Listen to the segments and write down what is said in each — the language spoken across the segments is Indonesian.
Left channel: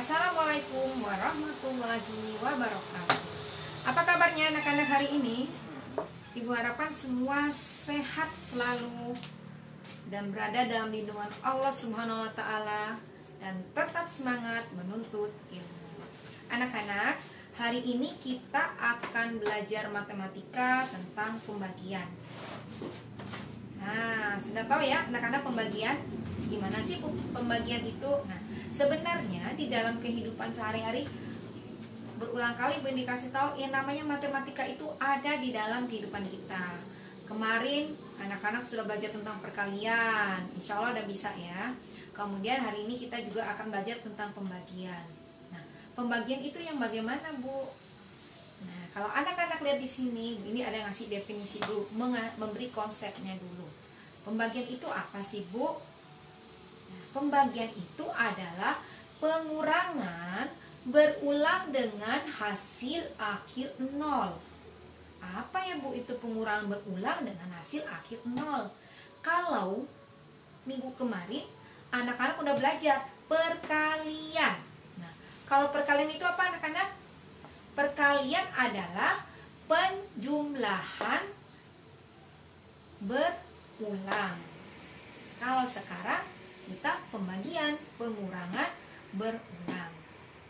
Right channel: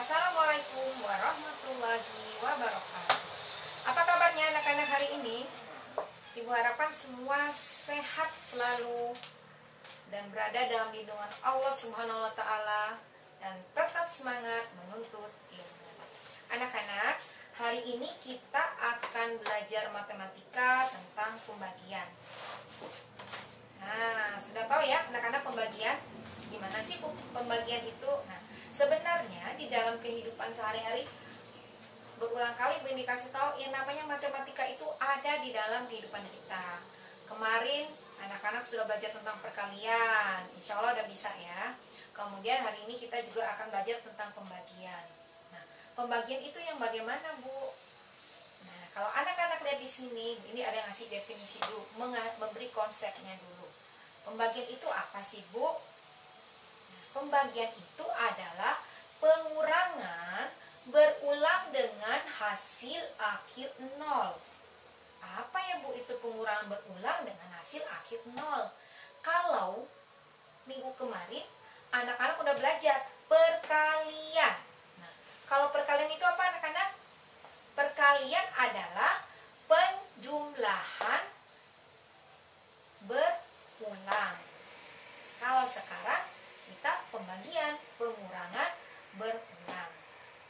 Assalamualaikum warahmatullahi wabarakatuh. Apa kabarnya anak-anak hari ini? Ibu harapkan semua sehat selalu dan berada dalam lindungan Allah Subhanahu wa Ta'ala dan tetap semangat menuntut ilmu. Anak-anak, hari ini kita akan belajar matematika tentang pembagian. Nah, sudah tahu ya anak-anak pembagian? Gimana sih pembagian itu? Nah, sebenarnya di dalam kehidupan sehari-hari berulang kali Bu Indi kasih tahu yang namanya matematika itu ada di dalam kehidupan kita. Kemarin anak-anak sudah belajar tentang perkalian, insya Allah udah bisa ya. Kemudian hari ini kita juga akan belajar tentang pembagian. Nah, pembagian itu yang bagaimana Bu? Nah, kalau anak-anak lihat di sini, ini ada ngasih definisi dulu, memberi konsepnya dulu. Pembagian itu apa sih Bu? Nah, pembagian itu adalah pengurangan berulang dengan hasil akhir 0. Apa ya Bu itu pengurangan berulang dengan hasil akhir 0? Kalau minggu kemarin anak-anak udah belajar perkalian. Nah, kalau perkalian itu apa anak-anak? Perkalian adalah penjumlahan berulang. Kalau sekarang kita pembagian, pengurangan berulang.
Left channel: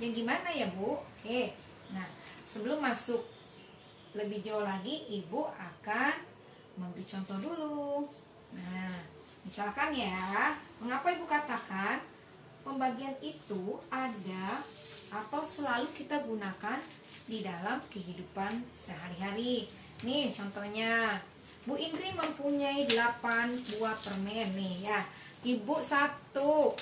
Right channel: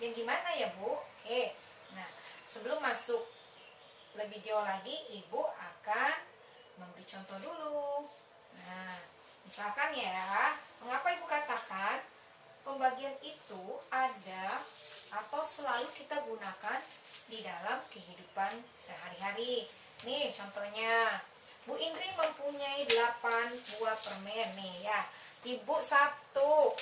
Yang gimana ya Bu? Oke. Nah, sebelum masuk lebih jauh lagi, Ibu akan memberi contoh dulu. Nah, misalkan ya, mengapa Ibu katakan pembagian itu ada atau selalu kita gunakan di dalam kehidupan sehari-hari. Nih contohnya, Bu Indri mempunyai 8 buah permen nih ya. Ibu 1, 2,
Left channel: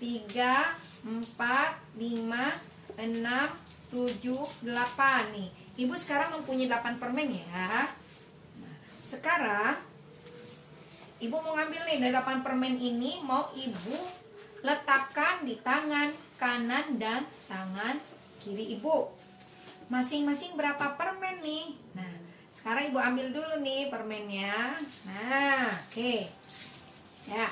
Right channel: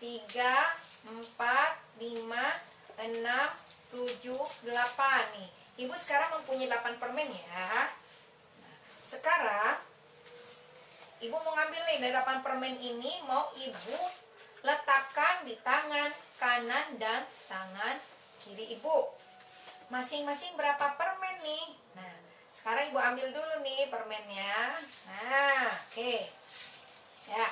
3, 4, 5, 6, 7, 8 nih. Ibu sekarang mempunyai 8 permen ya. Nah, sekarang Ibu mau ngambil nih dari 8 permen ini, mau Ibu letakkan di tangan kanan dan tangan kiri Ibu. Masing-masing berapa permen nih? Nah, sekarang Ibu ambil dulu nih permennya. Nah, oke. Ya.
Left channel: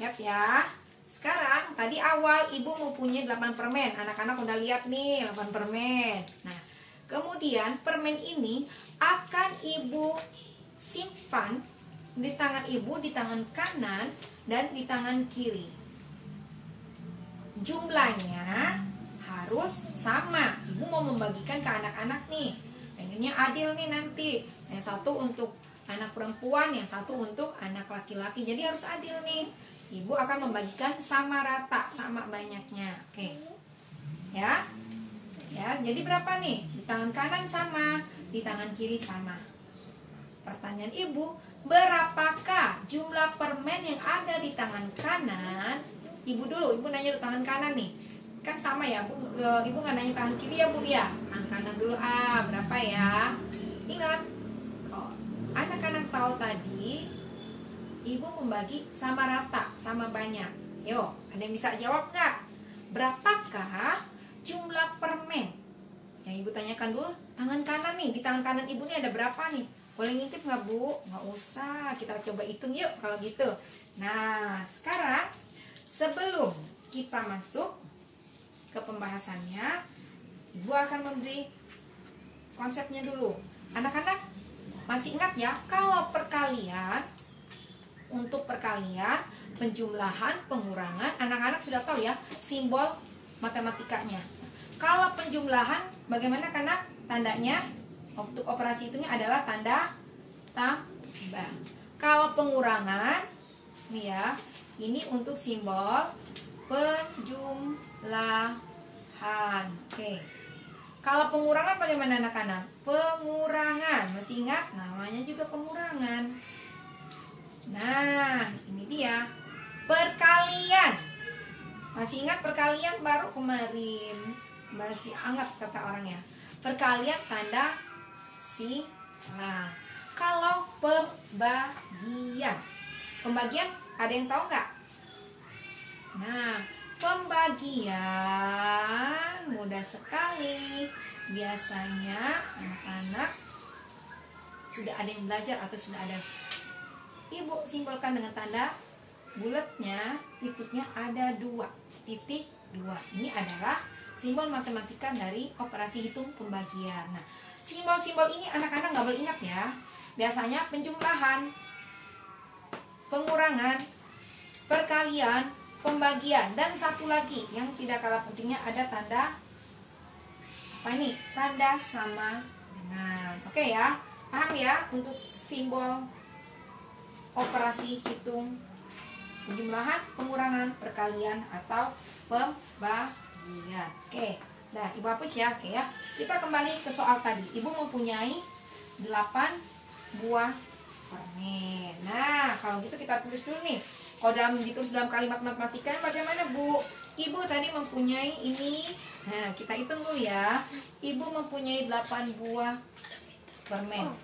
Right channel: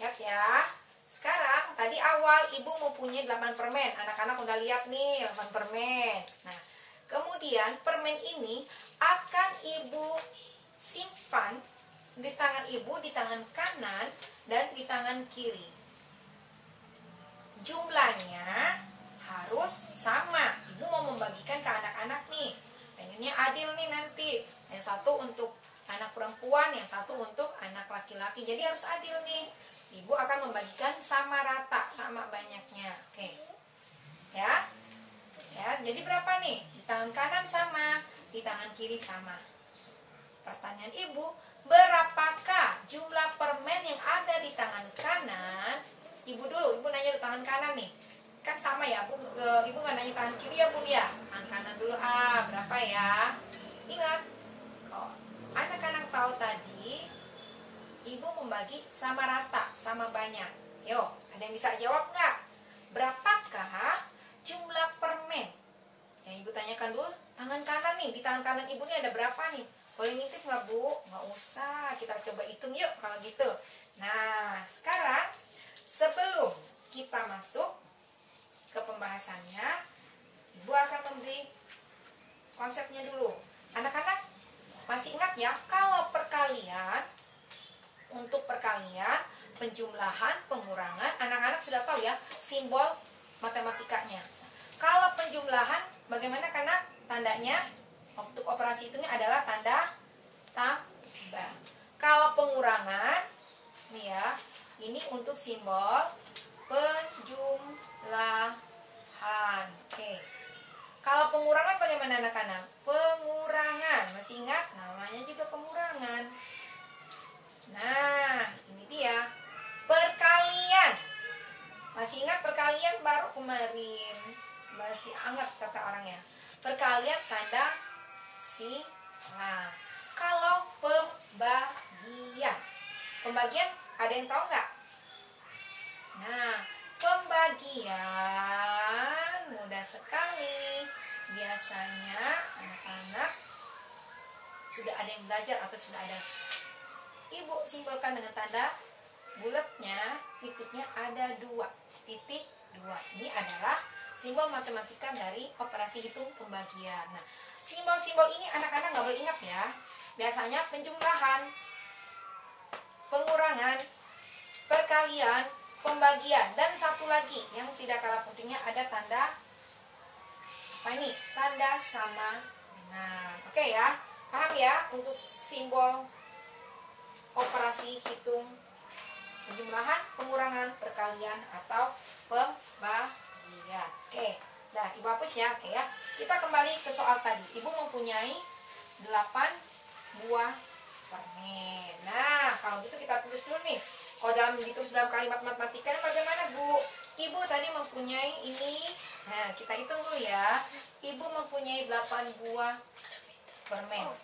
Siap ya. Sekarang tadi awal Ibu mempunyai 8 permen. Anak-anak udah lihat nih 8 permen. Nah, kemudian permen ini akan Ibu simpan di tangan Ibu, di tangan kanan dan di tangan kiri. Jumlahnya harus sama. Ibu mau membagikan ke anak-anak nih. Pengennya adil nih nanti. Yang satu untuk anak perempuan, yang satu untuk anak laki-laki. Jadi harus adil nih. Ibu akan membagikan sama rata, sama banyaknya. Oke. Ya. Ya, jadi berapa nih? Di tangan kanan sama, di tangan kiri sama. Pertanyaan Ibu, berapakah jumlah permen yang ada di tangan kanan? Ibu dulu, Ibu nanya di tangan kanan nih. Kan sama ya, Ibu nggak nanya tangan kiri ya Bu ya. Tangan kanan dulu, berapa ya? Ingat, kok anak-anak tahu tadi Ibu membagi sama rata, sama banyak. Yo, ada yang bisa jawab nggak? Berapakah jumlah permen? Yang Ibu tanyakan dulu, tangan kanan nih, di tangan kanan Ibu nih ada berapa nih? Boleh ngintip nggak Bu? Nggak usah, kita coba hitung yuk kalau gitu. Nah, sekarang sebelum kita masuk ke pembahasannya, Ibu akan memberi konsepnya dulu. Anak-anak masih ingat ya, kalau perkalian, untuk perkalian, penjumlahan, pengurangan, anak-anak sudah tahu ya simbol matematikanya. Kalau penjumlahan, bagaimana karena tandanya untuk operasi itunya adalah tanda tambah. Kalau pengurangan, nih ya, ini untuk simbol penjumlahan. Oke. Kalau pengurangan bagaimana anak-anak? Pengurangan, masih ingat? Namanya juga pengurangan. Nah, ini dia. Perkalian. Masih ingat perkalian baru kemarin? Masih hangat kata orangnya. Perkalian tanda silang. Kalau pembagian. Pembagian ada yang tahu nggak? Nah, pembagian mudah sekali. Biasanya anak-anak sudah ada yang belajar atau sudah ada. Ibu simbolkan dengan tanda bulatnya, titiknya ada 2. titik 2. Ini adalah simbol matematika dari operasi hitung pembagian. Nah, simbol-simbol ini anak-anak nggak boleh ingat ya. Biasanya penjumlahan, pengurangan, perkalian, pembagian, dan satu lagi yang tidak kalah pentingnya ada tanda apa ini? Tanda sama dengan. Oke ya, paham ya untuk simbol operasi hitung penjumlahan, pengurangan, perkalian, atau pembagian. Oke, nah Ibu hapus ya. Oke ya, kita kembali ke soal tadi. Ibu mempunyai 8 buah permen. Nah, kalau gitu kita tulis dulu nih. Kalau ditulis dalam kalimat matematika bagaimana, Bu? Ibu tadi mempunyai ini. Nah, kita hitung dulu ya. Ibu mempunyai 8 buah permen.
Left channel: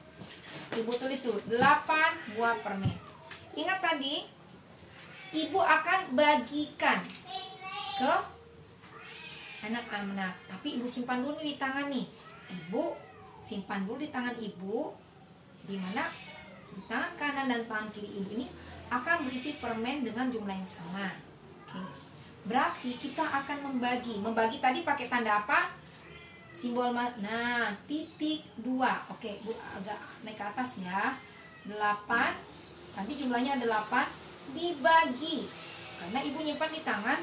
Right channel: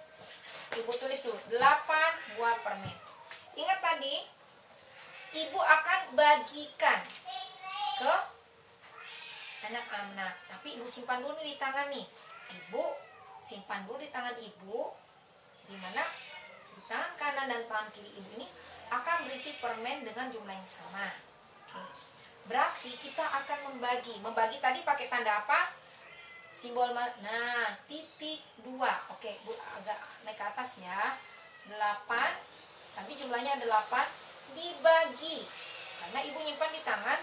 Ibu tulis dulu 8 buah permen. Ingat tadi, Ibu akan bagikan ke anak-anak. Tapi Ibu simpan dulu di tangan nih. Ibu simpan dulu di tangan Ibu. Di mana di tangan kanan dan tangan kiri Ibu ini akan berisi permen dengan jumlah yang sama. Oke. Berarti kita akan membagi. Membagi tadi pakai tanda apa? Simbol titik 2. Oke, Bu agak naik ke atas ya. 8. Tadi jumlahnya ada 8 dibagi. Karena Ibu nyimpan di tangan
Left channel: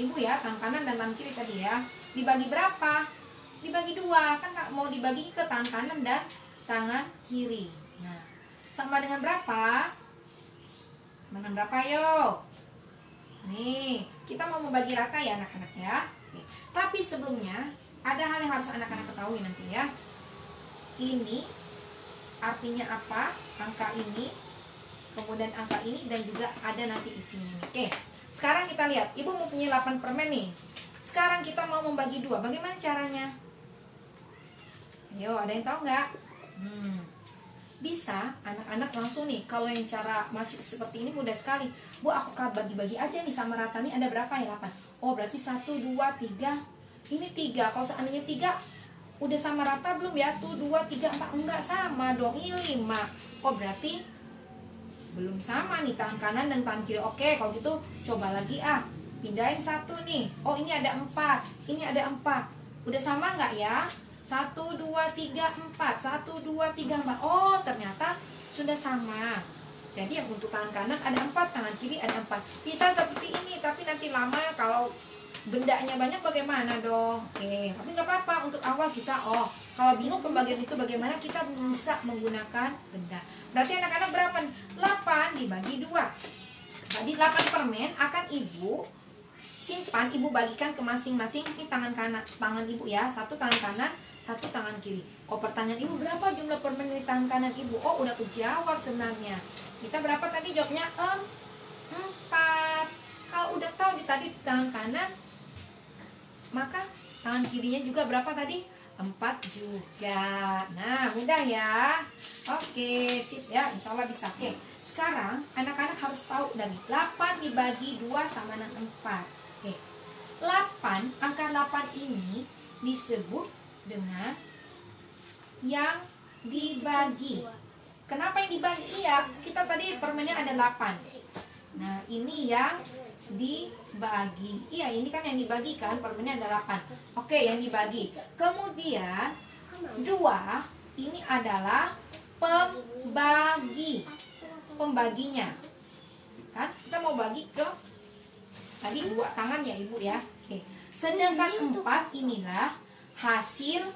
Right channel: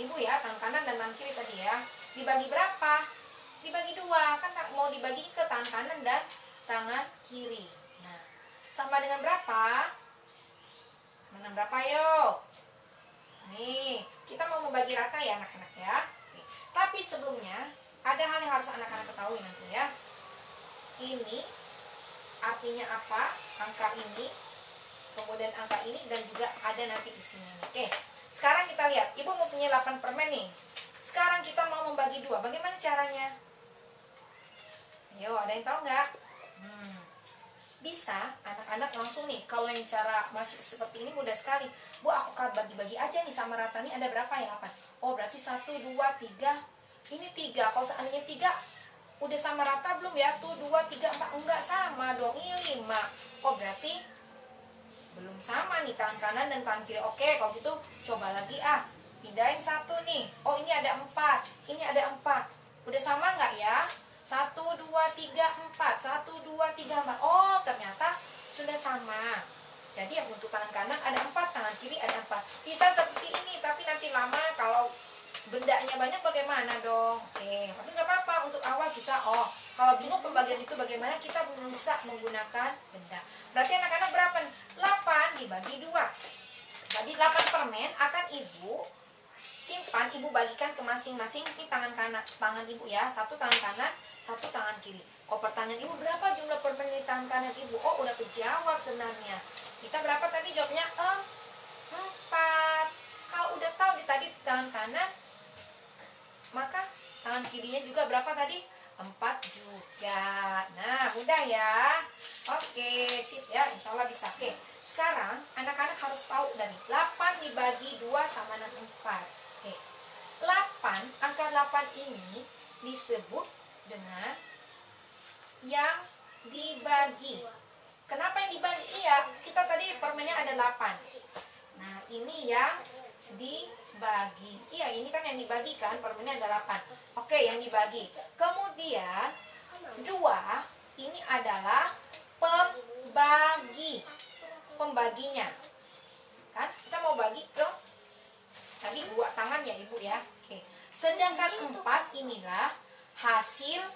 Ibu ya, tangan kanan dan tangan kiri tadi ya. Dibagi berapa? Dibagi 2. Kan mau dibagi ke tangan kanan dan tangan kiri. Nah, sama dengan berapa? Mana berapa yuk? Nih, kita mau membagi rata ya anak-anak ya. Oke. Tapi sebelumnya ada hal yang harus anak-anak ketahui nanti ya. Ini artinya apa? Angka ini, kemudian angka ini, dan juga ada nanti isinya nih. Oke, sekarang kita lihat. Ibu mempunyai 8 permen nih. Sekarang kita mau membagi 2. Bagaimana caranya? Ayo, ada yang tahu nggak? Bisa anak-anak langsung nih. Kalau yang cara masih seperti ini mudah sekali. Bu, aku bagi-bagi aja nih sama rata nih. Ada berapa ya? 8. Oh, berarti 1, 2, 3. Ini 3. Kalau seandainya 3 udah sama rata belum ya? Tuh 2, 3, 4. Enggak sama dong. Ini 5. Oh, berarti belum sama nih tangan kanan dan tangan kiri. Oke, kalau gitu coba lagi pindahin 1 nih. Oh, ini ada 4. Ini ada 4. Udah sama nggak ya? 1, 2, 3, 4. 1, 2, 3, 4. Oh, ternyata sudah sama. Jadi yang untuk tangan kanan ada 4, tangan kiri ada 4. Bisa seperti ini, tapi nanti lama kalau bendanya banyak bagaimana dong? Oke, tapi nggak apa-apa. Untuk awal kita, kalau bingung pembagian itu bagaimana, kita bisa menggunakan benda. Berarti anak-anak berapa? 8 dibagi 2. Jadi 8 permen akan Ibu simpan, Ibu bagikan ke masing-masing di tangan kanan, tangan Ibu ya. 1 tangan kanan, 1 tangan kiri. Kalau pertanyaan Ibu, berapa jumlah permen di tangan kanan Ibu? Oh, udah kejawab sebenarnya. Kita berapa tadi? Jawabnya 4. Kalau udah tahu tadi tangan kanan, maka tangan kirinya juga berapa tadi? 4 juga. Nah, mudah ya. Oke, sip ya. Insya Allah bisa. Oke, sekarang anak-anak harus tahu dari 8 dibagi 2 sama dengan 4. Oke, 8, angka 8 ini disebut dengan yang dibagi. Kenapa yang dibagi? Iya, kita tadi permennya ada 8. Nah, ini yang dibagi. Iya, ini kan yang dibagikan, permennya ada 8. Oke, yang dibagi. Kemudian 2 ini adalah pembagi. Pembaginya. Kan kita mau bagi ke tadi 2 tangan ya Ibu ya. Oke. Sedangkan 4 inilah hasil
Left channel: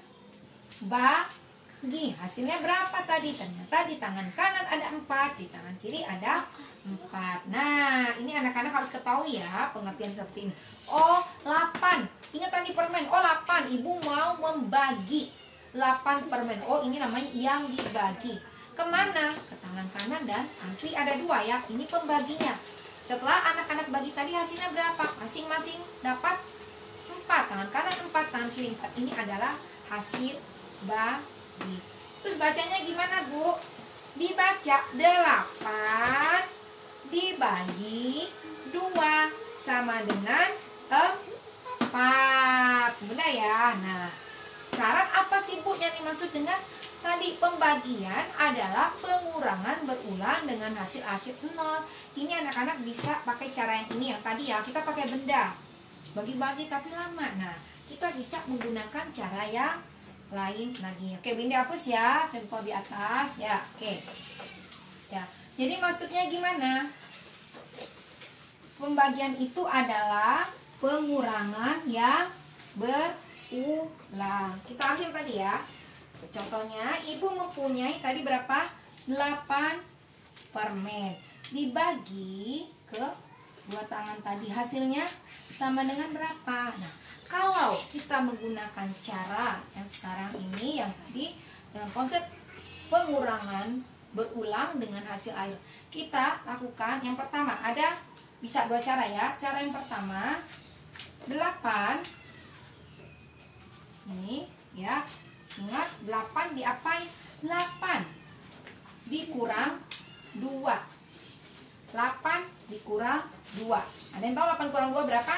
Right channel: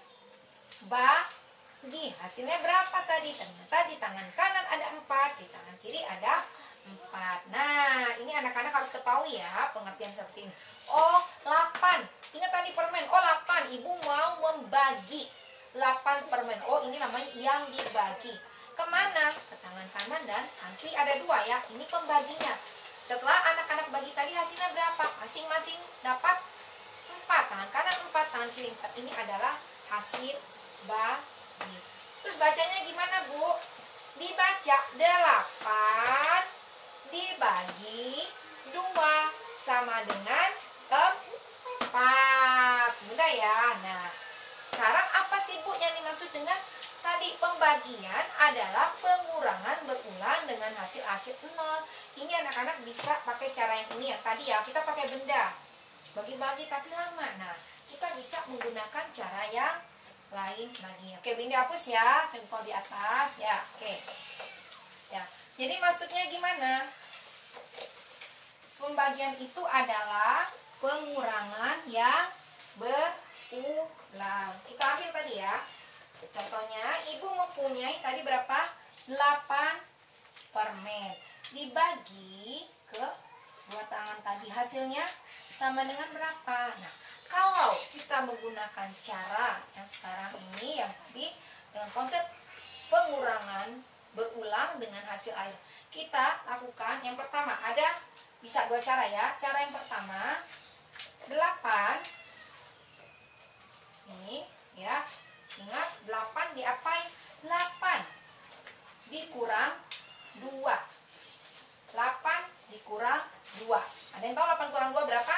bagi. Hasilnya berapa tadi? Ternyata di tangan kanan ada 4, di tangan kiri ada 4. Nah, ini anak-anak harus ketahui ya pengertian seperti ini. Oh, 8. Ingat tadi permen. Oh, 8. Ibu mau membagi 8 permen. Oh, ini namanya yang dibagi. Kemana? Ke tangan kanan dan tangan kiri ada 2 ya. Ini pembaginya. Setelah anak-anak bagi tadi hasilnya berapa? Masing-masing dapat 4. Tangan kanan 4, tangan kiri 4. Ini adalah hasil bagi. Terus bacanya gimana, Bu? Dibaca 8 dibagi 2 sama dengan 4. Mudah ya. Nah, sekarang apa sih Bu yang dimaksud dengan tadi pembagian adalah pengurangan berulang dengan hasil akhir 0. Ini anak-anak bisa pakai cara yang ini, yang tadi ya, kita pakai benda. bagi-bagi tapi lama. Nah, kita bisa menggunakan cara yang lain lagi. Oke, ini hapus ya, contoh di atas ya. Oke. Ya. Jadi maksudnya gimana? Pembagian itu adalah pengurangan yang berulang. Kita ambil tadi ya. Contohnya, ibu mempunyai tadi berapa? 8 permen. Dibagi ke dua tangan tadi. Hasilnya sama dengan berapa? Nah, kalau kita menggunakan cara yang sekarang ini, yang tadi dengan konsep pengurangan berulang dengan hasil akhir, kita lakukan yang pertama, ada bisa dua cara ya. Cara yang pertama, 8 ini ya, ingat 8 diapain? 8 dikurang 2. 8 dikurang 2. Ada yang tahu 8 kurang 2 berapa?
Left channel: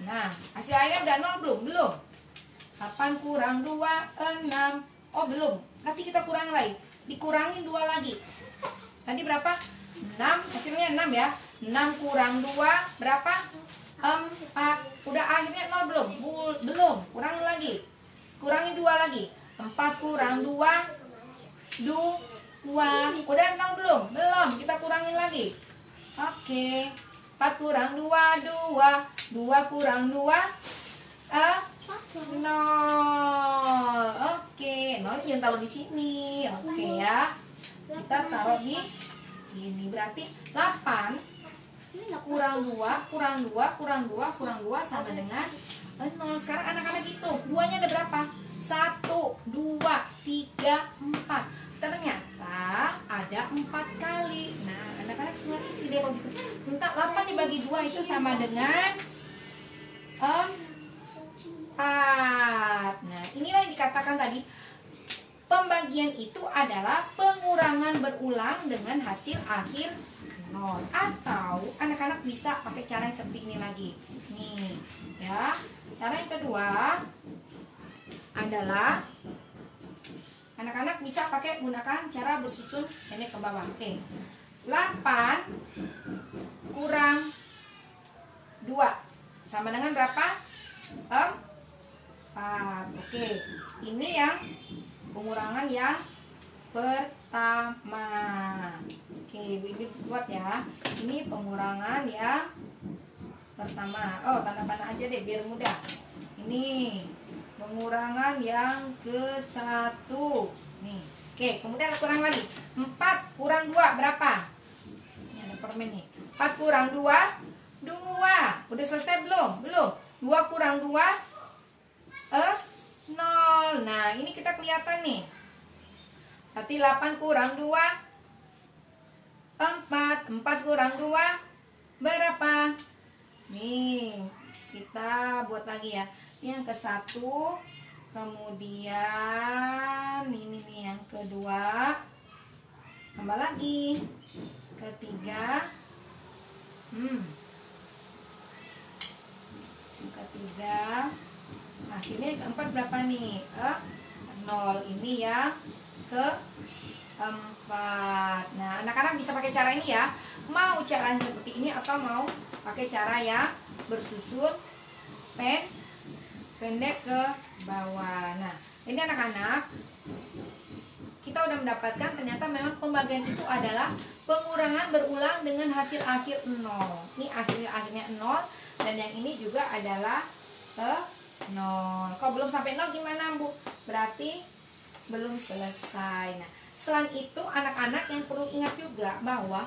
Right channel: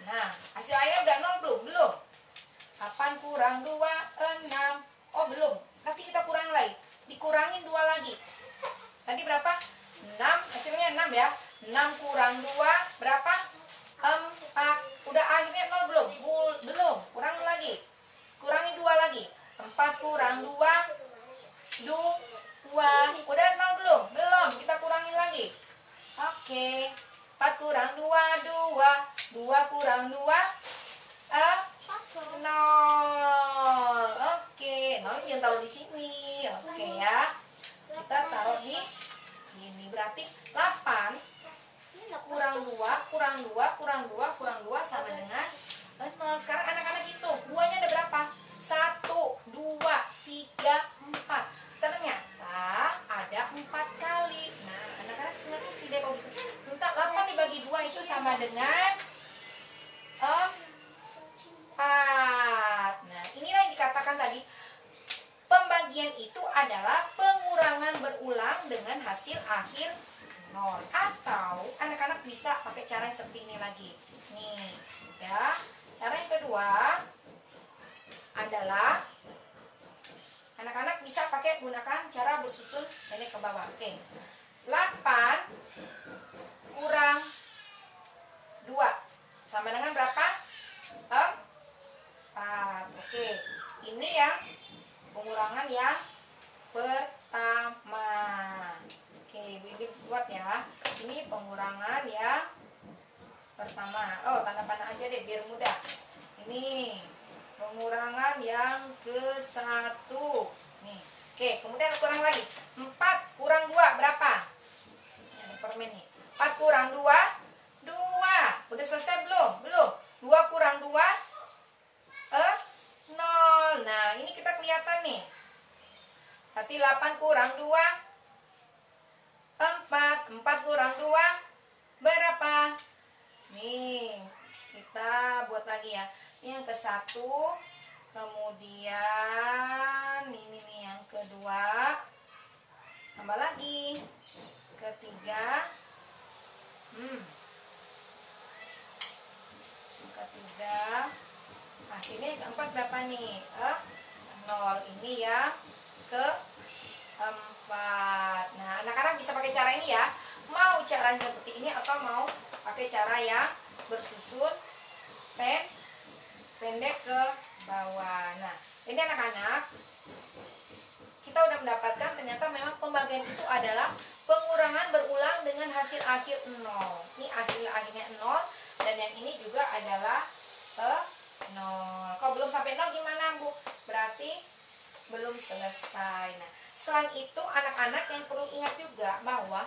Nah, hasil akhirnya udah 0 belum? Belum. 8 kurang 2, 6. Oh, belum. Nanti kita kurang lagi. Dikurangin 2 lagi. Tadi berapa? 6. Hasilnya 6 ya. 6 kurang 2 berapa? 4. Udah akhirnya 0 belum? Belum. Kurang lagi. Kurangi 2 lagi. 4 kurang 2, 2. Udah 0 belum? Belum. Kita kurangin lagi. Oke. 4 kurang 2, 2. 2 kurang 2, 0. Oke. 0 yang taruh di sini. Oke ya. Kita taruh di ini. Berarti 8 kurang 2, kurang 2, kurang 2, kurang 2 sama dengan 0. Sekarang anak-anak hitung. 2-nya ada berapa? 1, 2, 3, 4. Ternyata ada 4 kali. Nah, anak-anak tinggal isi deh begitu. Entah 8 dibagi 2 itu sama dengan 4. Nah, inilah yang dikatakan tadi. Pembagian itu adalah pengurangan berulang dengan hasil akhir 0. Atau anak-anak bisa pakai cara yang seperti ini lagi. Nih, ya. Cara yang kedua adalah anak-anak bisa pakai gunakan cara bersusun pendek ke bawah. Oke. 8 kurang 2 sama dengan berapa? 4. Oke. Ini yang pengurangan yang pertama. Oke, Ibu ini buat ya. Ini pengurangan yang pertama. Oh, tanda panah aja deh biar mudah. Ini pengurangan yang ke-1. Nih. Oke, kemudian kurang lagi. 4 kurang 2 berapa? Ini ada permen nih. 4 kurang 2, 2. Udah selesai belum? Belum. 2 kurang 2, 0. Nah, ini kita kelihatan nih. Berarti 8 kurang 2, 4. 4 kurang 2 berapa? Nih, kita buat lagi ya. Ini yang ke-1. Kemudian ini nih yang kedua. Tambah lagi. Ketiga. Ketiga. Akhirnya keempat berapa nih? 0. Ini ya keempat. Nah, anak-anak bisa pakai cara ini ya. Mau cara yang seperti ini atau mau pakai cara yang bersusun pendek ke bawah. Nah, ini anak-anak, kita udah mendapatkan ternyata memang pembagian itu adalah pengurangan berulang dengan hasil akhir 0. Ini hasil akhirnya 0 dan yang ini juga adalah 0. Kalau belum sampai 0 gimana, Bu? Berarti belum selesai. Nah, selain itu anak-anak yang perlu ingat juga bahwa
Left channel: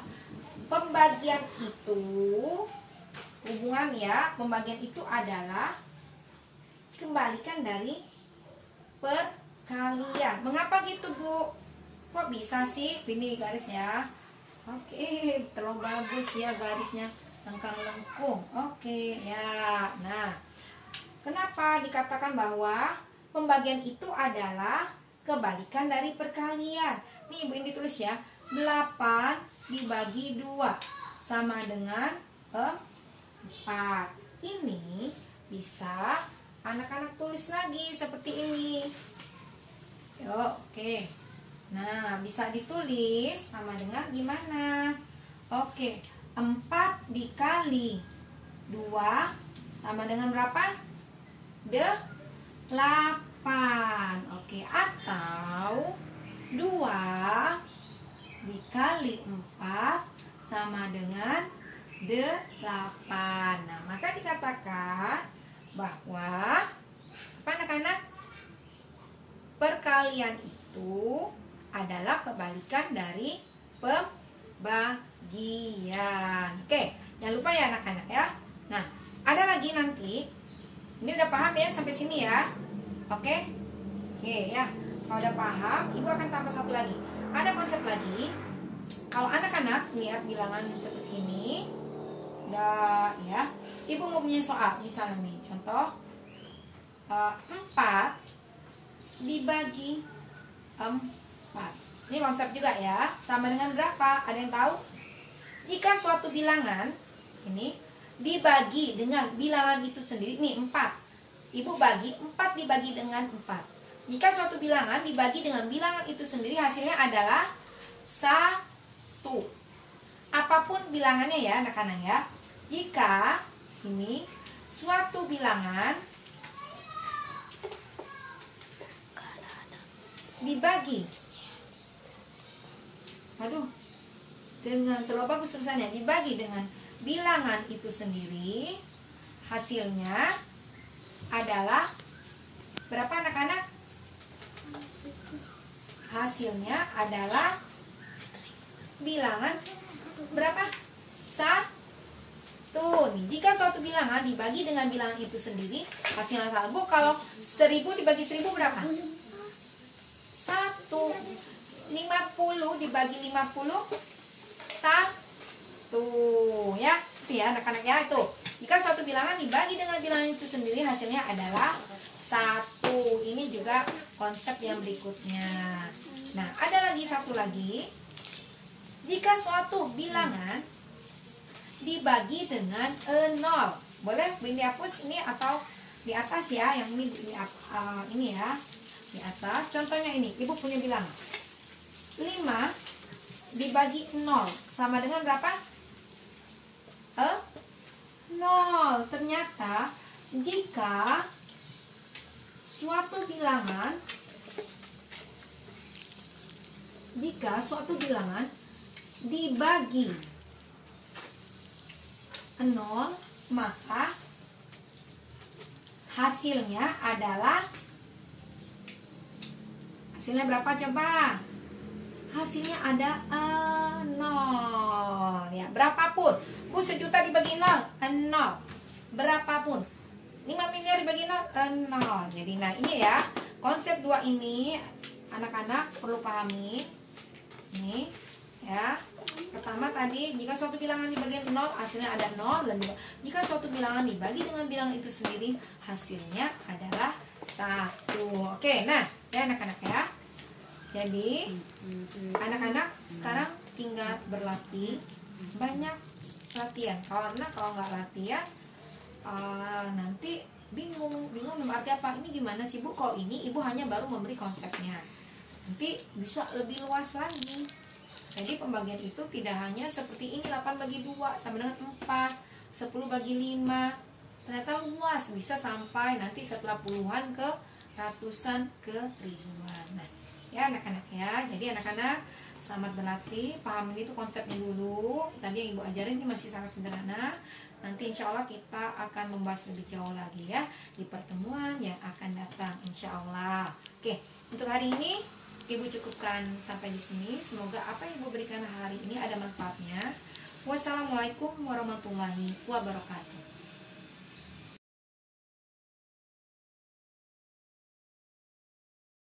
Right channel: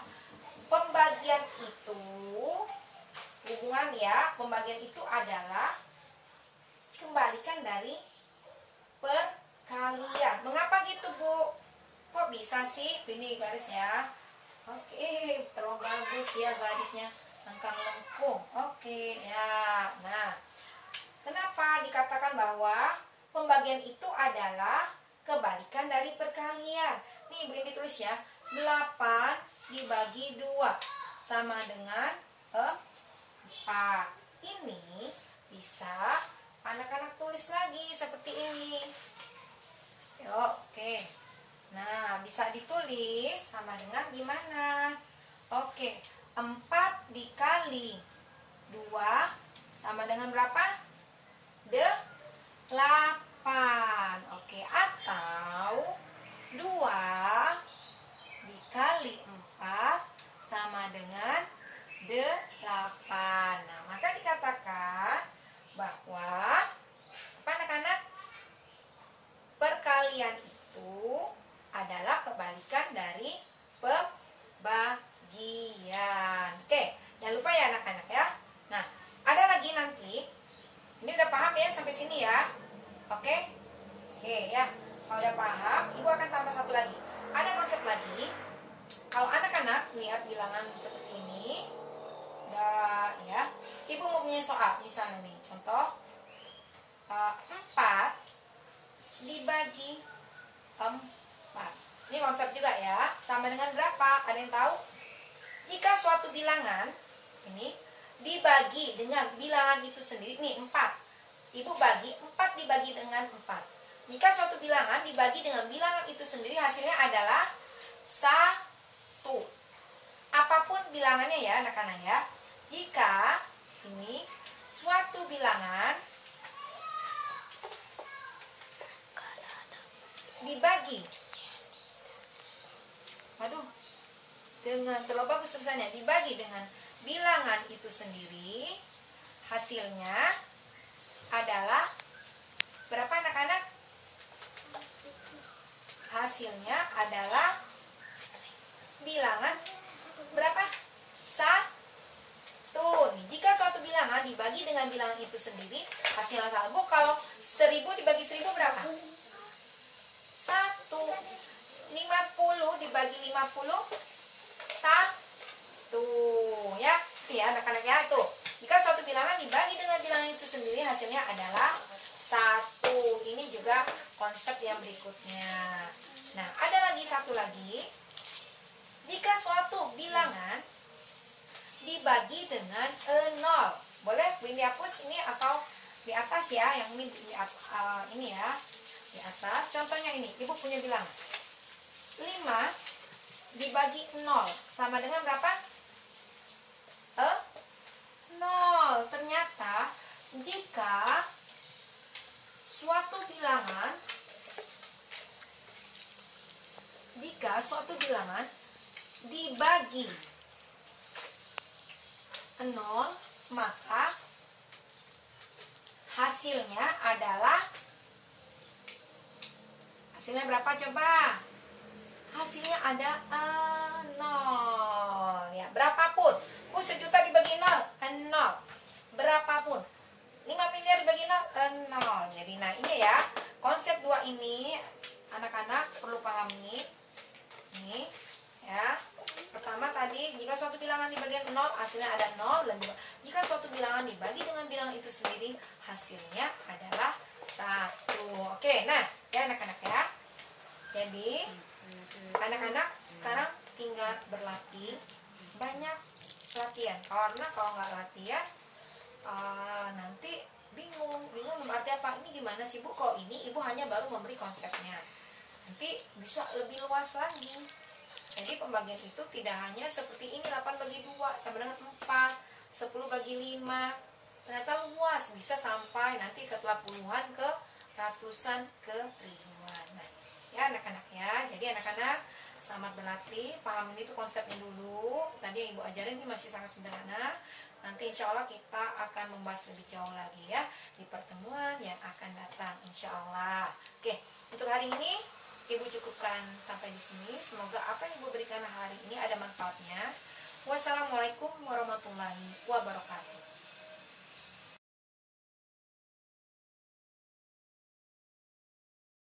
pembagian itu hubungan ya, pembagian itu adalah kembalikan dari perkalian. Mengapa gitu, Bu? Kok bisa sih? Ini garisnya. Oke, terlalu bagus ya garisnya, lengkang lengkung. Oke, ya. Nah, kenapa dikatakan bahwa pembagian itu adalah kebalikan dari perkalian? Nih, Ibu ini tulis ya. 8 dibagi 2 sama dengan 4. Ini bisa anak-anak tulis lagi seperti ini. Oke. Nah, bisa ditulis sama dengan gimana? Oke, 4 dikali 2 sama dengan berapa? 8. Oke, atau 2 dikali 4 sama dengan 8. Nah, maka dikatakan bahwa apa anak-anak? Perkalian itu adalah kebalikan dari pembagian. Oke, jangan lupa ya anak-anak ya. Nah, ada lagi nanti. Ini udah paham ya sampai sini ya? Oke? Oke ya. Kalau udah paham, Ibu akan tambah satu lagi. Ada konsep lagi. Kalau anak-anak lihat bilangan seperti ini, ya, Ibu mau punya soal. Misalnya nih, contoh 4 dibagi 4. Ini konsep juga ya. Sama dengan berapa? Ada yang tahu? Jika suatu bilangan ini dibagi dengan bilangan itu sendiri, nih 4. Ibu bagi 4 dibagi dengan 4. Jika suatu bilangan dibagi dengan bilangan itu sendiri, hasilnya adalah 1. Apapun bilangannya ya anak-anak ya. Jika ini suatu bilangan dibagi, dengan terlalu bagus tulisannya, dibagi dengan bilangan itu sendiri, hasilnya adalah berapa anak-anak? Hasilnya adalah bilangan berapa? 1. Nih, jika suatu bilangan dibagi dengan bilangan itu sendiri, hasilnya 1. Bu, kalau 1000 dibagi 1000 berapa? 1. 50 dibagi 50 1. Ya, itu ya anak-anak ya, itu. Jika suatu bilangan dibagi dengan bilangan itu sendiri, hasilnya adalah 1. Ini juga konsep yang berikutnya. Nah, ada lagi satu lagi. Jika suatu bilangan dibagi dengan 0, boleh dihapus ini atau di atas ya, yang ini ini ya, di atas. Contohnya ini, Ibu punya bilangan 5 dibagi 0 sama dengan berapa? 0. Ternyata jika suatu bilangan dibagi 0, maka hasilnya berapa coba? Hasilnya ada 0 ya, berapapun. Bu, 1.000.000 dibagi 0, 0. Berapapun. 5 miliar dibagi 0, 0. Jadi nah ini ya, konsep 2 ini anak-anak perlu pahami. Nih ya. Pertama tadi, jika suatu bilangan dibagi 0, hasilnya ada 0. Dan juga jika suatu bilangan dibagi dengan bilangan itu sendiri, hasilnya adalah 1. Oke, nah ya anak-anak ya. Jadi anak-anak sekarang tinggal berlatih, banyak latihan. Karena kalau nggak latihan nanti bingung berarti apa, ini gimana sih Bu, kok ini Ibu hanya baru memberi konsepnya, nanti bisa lebih luas lagi. Jadi pembagian itu tidak hanya seperti ini, 8 bagi 2 sama dengan 4, 10 bagi 5. Ternyata luas, bisa sampai nanti setelah puluhan ke ratusan ke ribuan. Nah ya anak-anak ya, jadi anak-anak selamat berlatih, paham itu konsepnya dulu. Tadi yang Ibu ajarin ini masih sangat sederhana. Nanti insya Allah kita akan membahas lebih jauh lagi ya di pertemuan yang akan datang insya Allah. Oke, untuk hari ini Ibu cukupkan sampai di sini. Semoga apa yang Ibu berikan hari ini ada manfaatnya. Wassalamualaikum warahmatullahi wabarakatuh.